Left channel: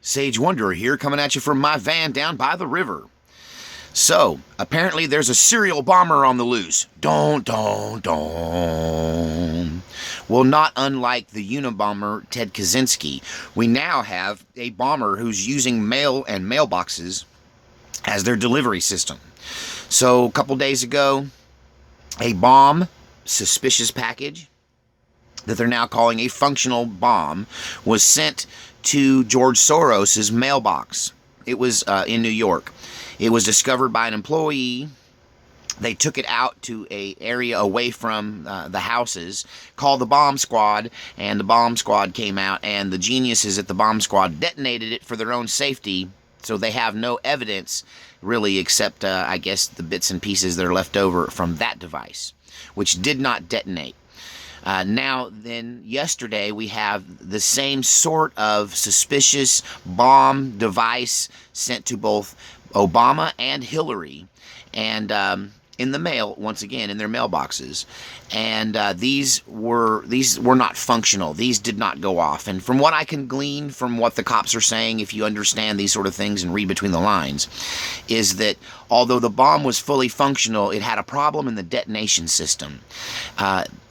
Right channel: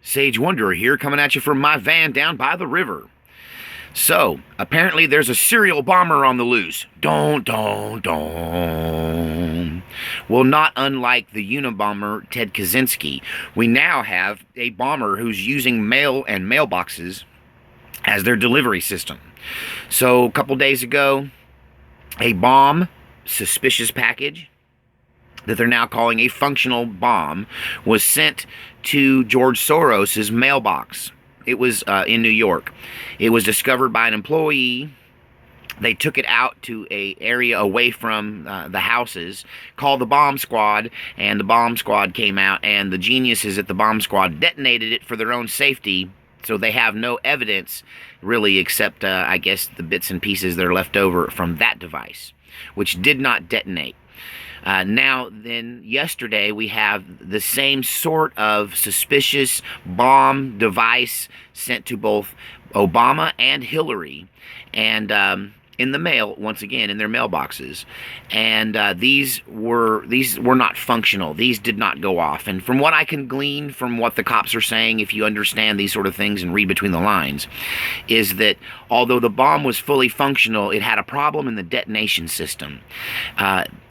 Sage Wanderer here, coming at you from my van down by the river. So, apparently there's a serial bomber on the loose. Don't. Well, not unlike the Unabomber Ted Kaczynski, we now have a bomber who's using mail and mailboxes as their delivery system. So, a couple days ago, a bomb, suspicious package, that they're now calling a functional bomb, was sent to George Soros' mailbox. It was in New York. It was discovered by an employee. They took it out to an area away from the houses, called the bomb squad, and the bomb squad came out, and the geniuses at the bomb squad detonated it for their own safety, so they have no evidence, really, except, I guess, the bits and pieces that are left over from that device, which did not detonate. Now, then, yesterday, we have the same sort of suspicious bomb device sent to both Obama and Hillary, and in the mail, once again, in their mailboxes. And these were not functional. These did not go off. And from what I can glean from what the cops are saying, if you understand these sort of things and read between the lines, is that although the bomb was fully functional, it had a problem in the detonation system.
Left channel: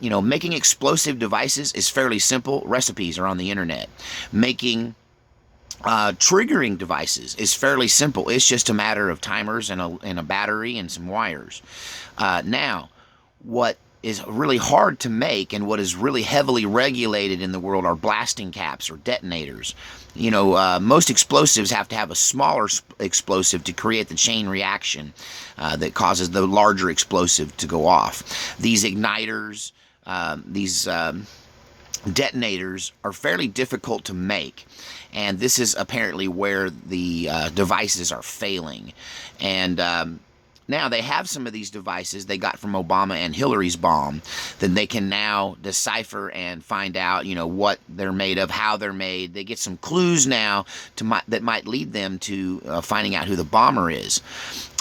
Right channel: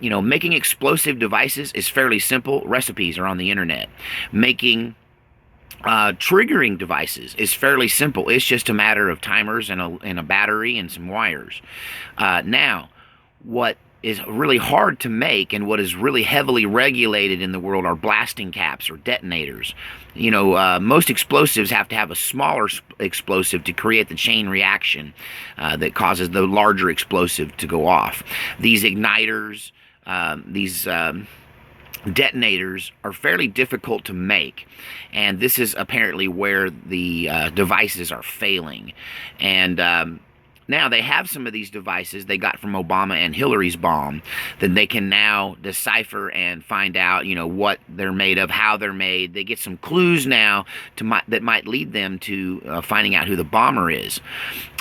Making explosive devices is fairly simple. Recipes are on the internet. Making triggering devices is fairly simple. It's just a matter of timers and a battery and some wires. Now, what is really hard to make and what is really heavily regulated in the world are blasting caps or detonators. Most explosives have to have a smaller explosive to create the chain reaction that causes the larger explosive to go off. These igniters, these detonators are fairly difficult to make, and this is apparently where the devices are failing. And now they have some of these devices they got from Obama and Hillary's bomb that they can now decipher and find out, what they're made of, how they're made. They get some clues now that might lead them to finding out who the bomber is.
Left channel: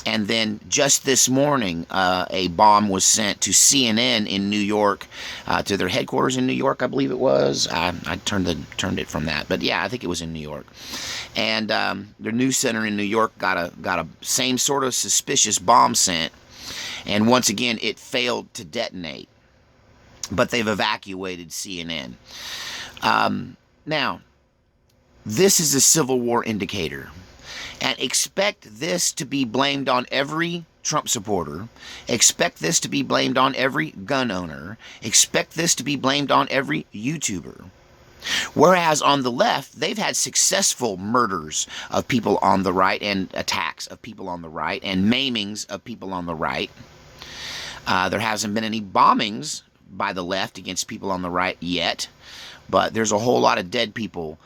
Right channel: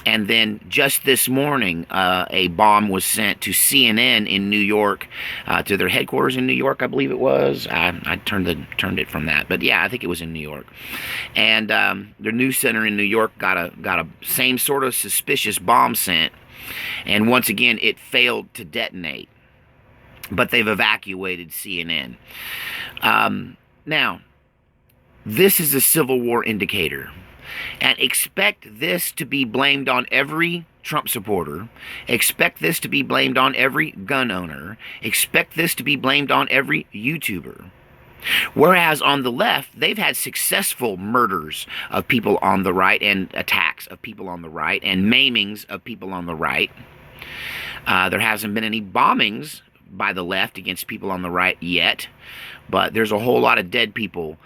And then just this morning, a bomb was sent to CNN in New York, to their headquarters in New York, I believe it was. I turned it from that, but yeah, I think it was in New York. And their news center in New York got a same sort of suspicious bomb sent, and once again, it failed to detonate. But they've evacuated CNN. Now, this is a Civil War indicator. And expect this to be blamed on every Trump supporter. Expect this to be blamed on every gun owner. Expect this to be blamed on every YouTuber. Whereas on the left, they've had successful murders of people on the right and attacks of people on the right and maimings of people on the right. There hasn't been any bombings by the left against people on the right yet. But there's a whole lot of dead people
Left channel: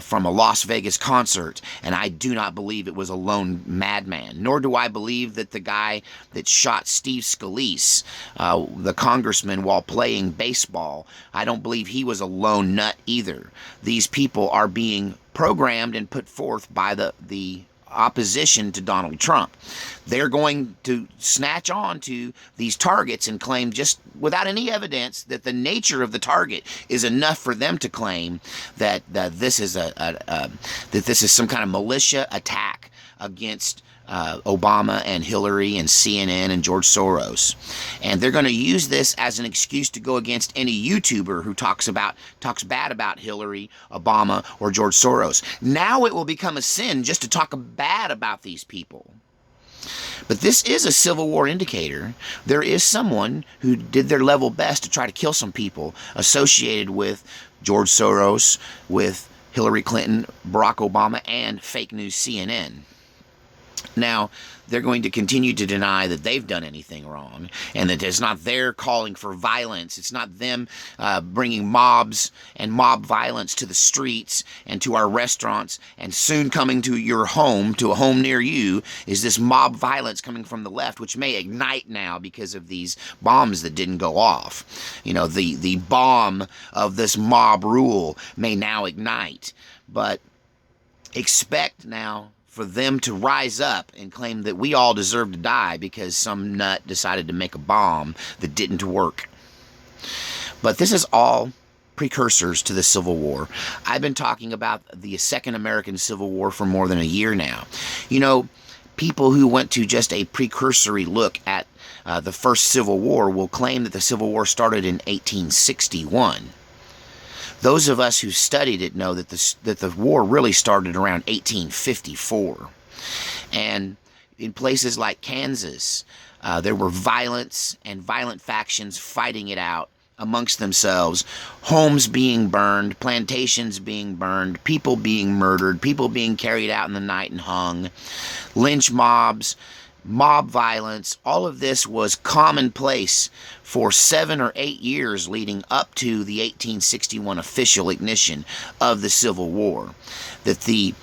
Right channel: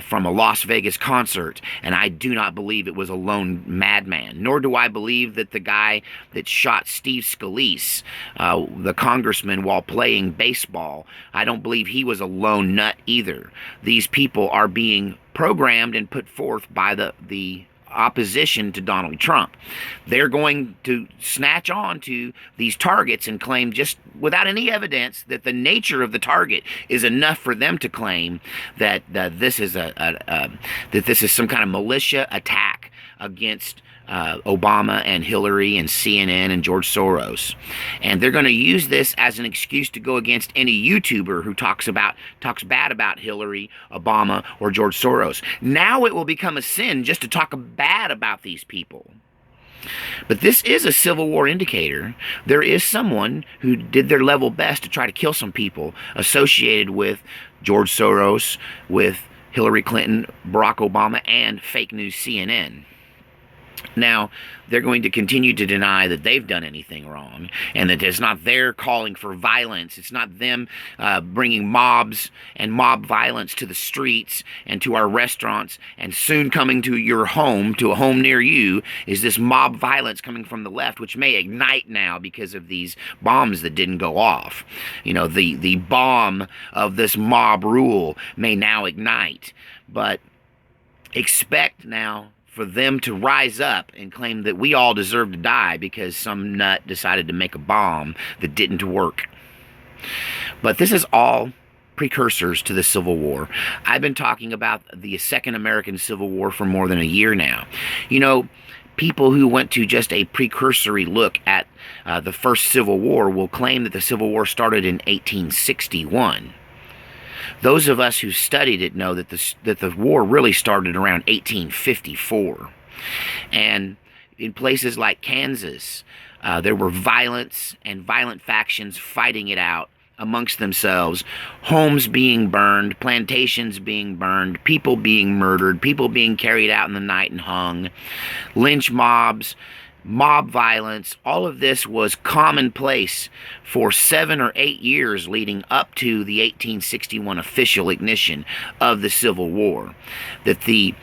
from a Las Vegas concert, and I do not believe it was a lone madman, nor do I believe that the guy that shot Steve Scalise, the congressman, while playing baseball, I don't believe he was a lone nut either. These people are being programmed and put forth by the opposition to Donald Trump. They're going to snatch on to these targets and claim, just without any evidence, that the nature of the target is enough for them to claim that this is that this is some kind of militia attack against Obama and Hillary and CNN and George Soros. And they're going to use this as an excuse to go against any YouTuber who talks bad about Hillary, Obama, or George Soros. Now it will become a sin just to talk bad about these people. But this is a Civil War indicator. There is someone who did their level best to try to kill some people associated with George Soros, with Hillary Clinton, Barack Obama, and fake news CNN. Now, they're going to continue to deny that they've done anything wrong and that it's not their calling for violence. It's not them bringing mobs and mob violence to the streets and to our restaurants, and soon coming to your home, to a home near you, is this mob violence coming from the left, which may ignite now because of these bombs that didn't go off. The bomb of this mob rule may now ignite, but expect now for them to rise up and claim that we all deserve to die because some nut decided to make a bomb that didn't work. But this is all precursors to the Civil War. I've been talking about the Second American Civil War for more than a year now. You know, people who went to just a precursory look at the first Civil War will claim that the Civil War started in 1861. Those of us who studied it know that the war really started around 1854. And in places like Kansas, there were violence and violent factions fighting it out amongst themselves, homes being burned, plantations being burned, people being murdered, people being carried out in the night and hung, lynch mobs, mob violence. All of this was commonplace for 7 or 8 years leading up to the 1861 official ignition of the Civil War. That the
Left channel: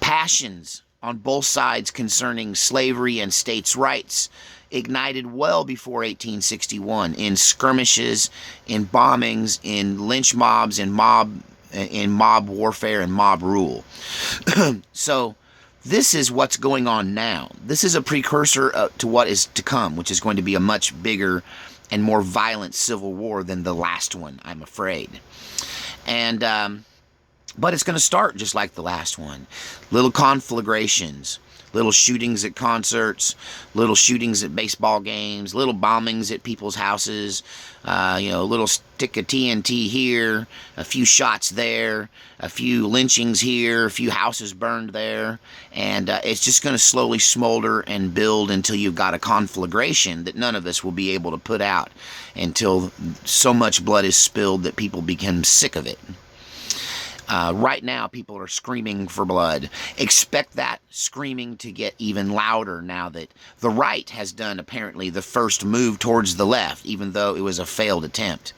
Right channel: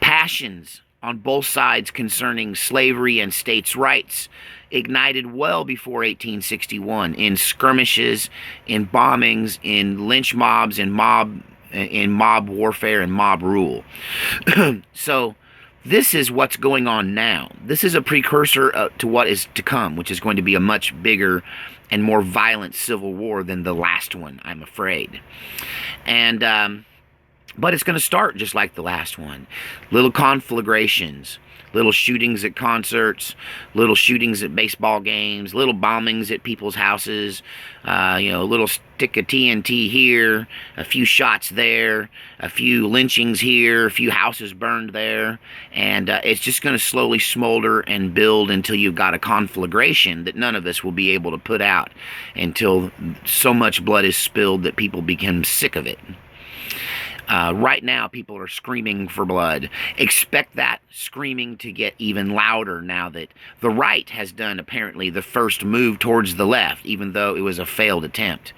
passions on both sides concerning slavery and states' rights ignited well before 1861 in skirmishes, in bombings, in lynch mobs, in mob warfare and mob rule. So this is what's going on now. This is a precursor to what is to come, which is going to be a much bigger and more violent civil war than the last one, I'm afraid. And but it's going to start just like the last one. Little conflagrations, little shootings at concerts, little shootings at baseball games, little bombings at people's houses, a little stick of TNT here, a few shots there, a few lynchings here, a few houses burned there, and it's just going to slowly smolder and build until you've got a conflagration that none of us will be able to put out until so much blood is spilled that people become sick of it. Right now, people are screaming for blood. Expect that screaming to get even louder now that the right has done, apparently, the first move towards the left, even though it was a failed attempt.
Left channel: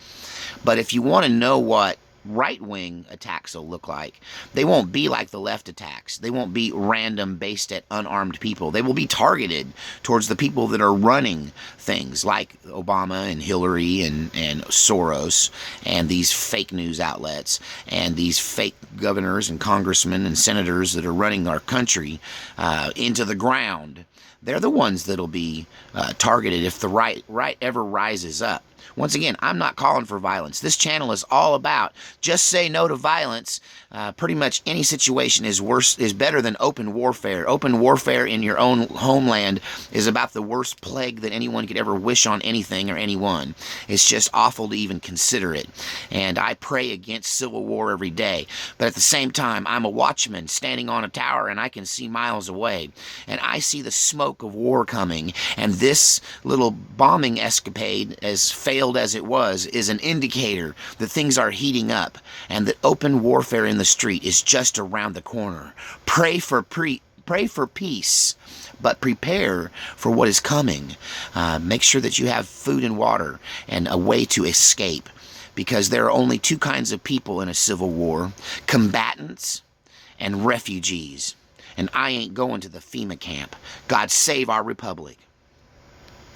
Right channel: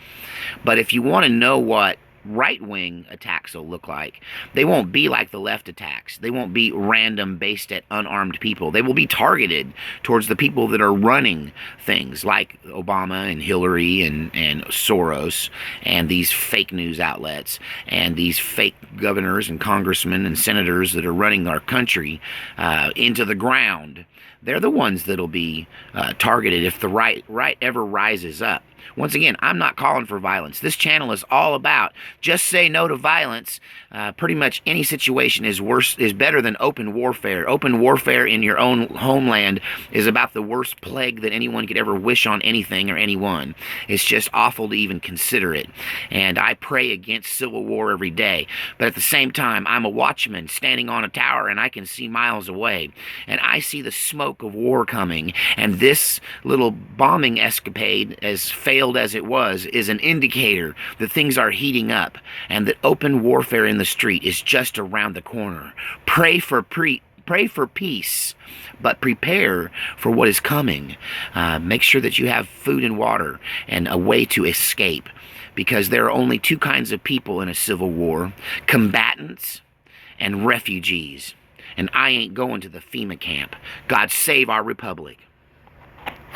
But if you want to know what right-wing attacks will look like, they won't be like the left attacks. They won't be random, based at unarmed people. They will be targeted towards the people that are running things like Obama and Hillary and Soros and these fake news outlets and these fake governors and congressmen and senators that are running our country into the ground. They're the ones that'll be targeted if the right ever rises up. Once again, I'm not calling for violence. This channel is all about just say no to violence. Pretty much any situation is better than open warfare. Open warfare in your own homeland is about the worst plague that anyone could ever wish on anything or anyone. It's just awful to even consider it. And I pray against civil war every day. But at the same time, I'm a watchman standing on a tower and I can see miles away. And I see the smoke of war coming. And this little bombing escapade, as failed as it was, is an indicator that things are heating up and that open warfare in the street is just around the corner. Pray for peace, but prepare for what is coming. Make sure that you have food and water and a way to escape, because there are only two kinds of people in a civil war: combatants and refugees. And I ain't going to the FEMA camp. God save our republic.